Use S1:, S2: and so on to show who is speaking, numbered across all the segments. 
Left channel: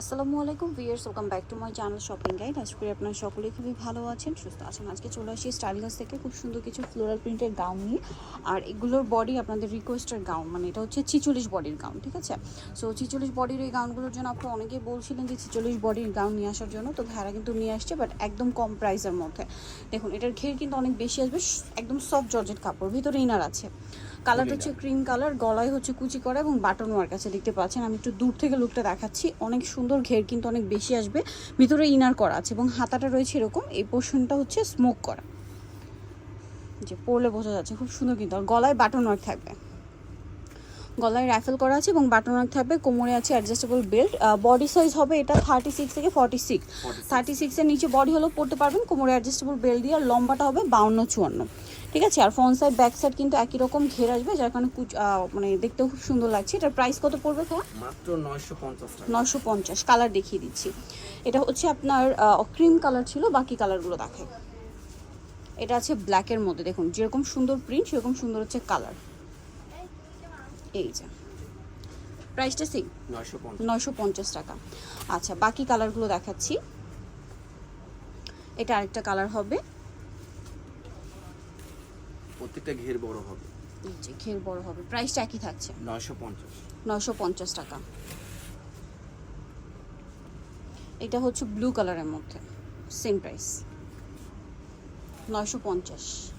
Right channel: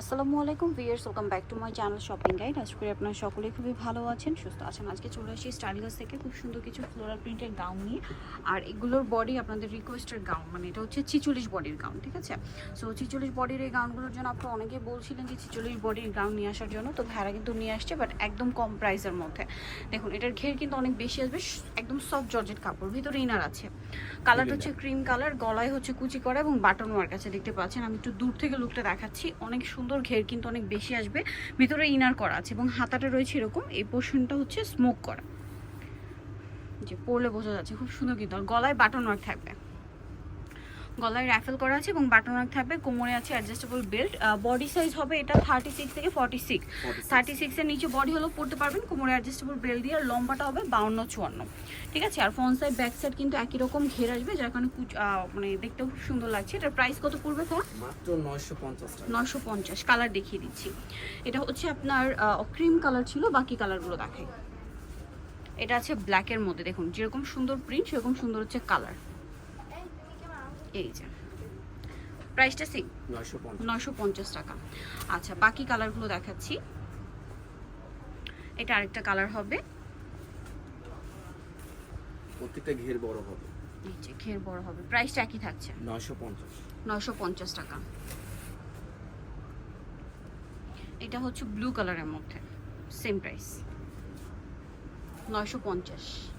S1: আসসালামু আলাইকুম viewers welcome back to my channel shopping guide. আশা করি আপনারা সকলেই খুবই ভালো আছেন সুস্থ আছেন। আজকে চলে আসছি স্টাইলিগাস থেকে খুব সুন্দর কিছু ফ্লোরাল প্রিন্টের গাউন নিয়ে। আর এগুলোর বডি আপনাদের রিকোয়েস্টের গাউন মানে এটা হচ্ছে ছিচল্লিশ বডির গাউন ঠিক আছে? সো ছিচল্লিশ বডির এই গাউনগুলোর জন্য আপনারা অনেকেই বলছিলেন যে ছিচল্লিশ বডির গাউন নিয়ে আসার জন্য তো ভাইরা কিন্তু নিয়ে আসছে বাট একদম কম প্রাইসের মধ্যে। দেখুন এটার ঘের কিন্তু অনেক বেশি আসবে একদম সফট জর্জেট কাপড় ভিতরে ইনার আছে। কালারটা হচ্ছে ক্রিম কালার গলায় হচ্ছে কুচি করা এবং বাটন ওয়ার্ক আছে দেখতে পাচ্ছেন। আমি একটু দূর থেকে লুকটা দেখাচ্ছি অনেক সুন্দর ঘের কিন্তু অনেক বেশি আসবে। ভিতরে ইনার করা আছে এবং হাতাটা রয়েছে এরকম। এই পোর্শনটা হচ্ছে স্মোক করা। যে পরলে বোঝা যাচ্ছে খুব সুন্দর কিন্তু। আর গলায় বাটন ওয়ার্ক থাকবে। গলায় র্যাফেল করা আছে এবং বাটন ওয়ার্ক থাকবে। কোমরে আছে অ্যাডজাস্টেবল বেল্ট বডি সাইজ হবে এটা থার্টি সিক্স থেকে ফর্টি সিক্স থার্টি সিক্সের নিচে বডি হলেও পড়তে পারবেন। কোমরে অ্যাডজাস্টেবল বেল্ট দিয়ে আর লম্বাটা হবে বাউন্ন চুয়ান্ন। ঠিক আছে? আর ফ্রন্ট সাইড ব্যাক সাইড কিন্তু একই রকম ঘের আসবে যার কারণে মানে দেখতেও খুব সুন্দর লাগছে। এটার প্রাইস কত পড়বে
S2: মাত্র নয়শো পঞ্চাশ
S1: নশো পঞ্চাশ কালার দেখিয়ে দিচ্ছি। এটা হচ্ছে আপনার ক্রিম কালার ছিল বাকি কালারগুলো দেখাই। এটা আছে ব্ল্যাকের মধ্যে দেখুন যেরকম সুন্দর প্রিন্ট সেরকম সুন্দর হচ্ছে কালার এই যে প্রাইসটা সেম
S2: নয়শো
S1: নয়শো পঞ্চাশ টাকা। আচ্ছা বাকি কালারগুলো দেখাচ্ছি। এটা আরেকটা কালার হবে।
S2: প্রত্যেকটা ঘের বড় হবে।
S1: ঘের বড় হবে। প্রাইসটা একই থাকছে?
S2: নয়শো পঞ্চাশ।
S1: নশো পঞ্চাশ টাকা। এটা হচ্ছে ব্লু কালারের মধ্যে। Same price. নয়শো পঞ্চাশ।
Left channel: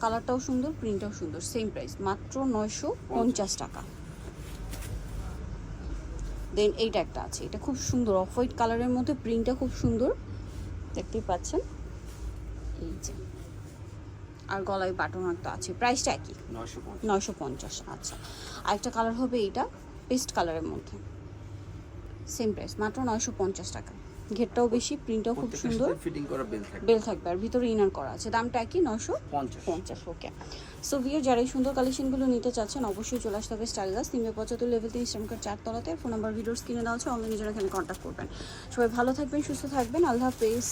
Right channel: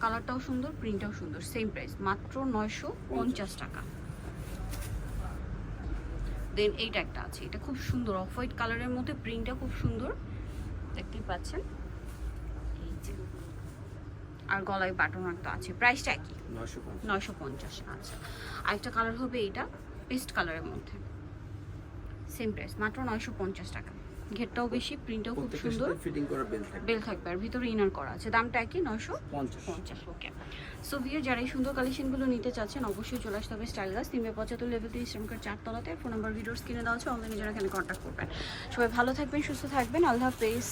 S1: কালারটাও সুন্দর প্রিন্টটাও সুন্দর সেম প্রাইস। মাত্র নয়শো পঞ্চাশ টাকা। দেন এইটা একটা আছে। এটা খুব সুন্দর অফ হোয়াইট কালারের মধ্যে প্রিন্টটা খুব সুন্দর। দেখতেই পাচ্ছেন? এই যে। আর গলায় বাটন তো আছে। প্রাইসটা একই।
S2: নয়শো পঞ্চাশ।
S1: আচ্ছা। আরেকটা কালার হবে এইটা পেস্ট কালারের মধ্যে। সেম প্রাইস মাত্র নয়শো পঞ্চাশ টাকা। ঘেরটাও বেশি প্রিন্টটাও খুব সুন্দর।
S2: ফিটিং করা বেল থাকবে।
S1: বেল থাকবে আর ভিতরে ইনার করা আছে। দামটা একই নয়শো পঞ্চাশ। ওকে সো ভিয়ার যারা এই সুন্দর কালেকশনগুলো নিতে চাচ্ছেন অবশ্যই চলে আসতে হবে স্টাইল গাছ তিনবে পঁচাত্তর লেভেল থেকে ইসলামকার চারতলাতে ফোন নাম্বার ভিডিওস কিনে দেওয়া আছে অনলাইনে যারা এখানে কন্ট্যাক্ট করবেন। সবাই ভালো থাকবেন সুস্থ থাকবেন। আল্লাহ হাফেজ।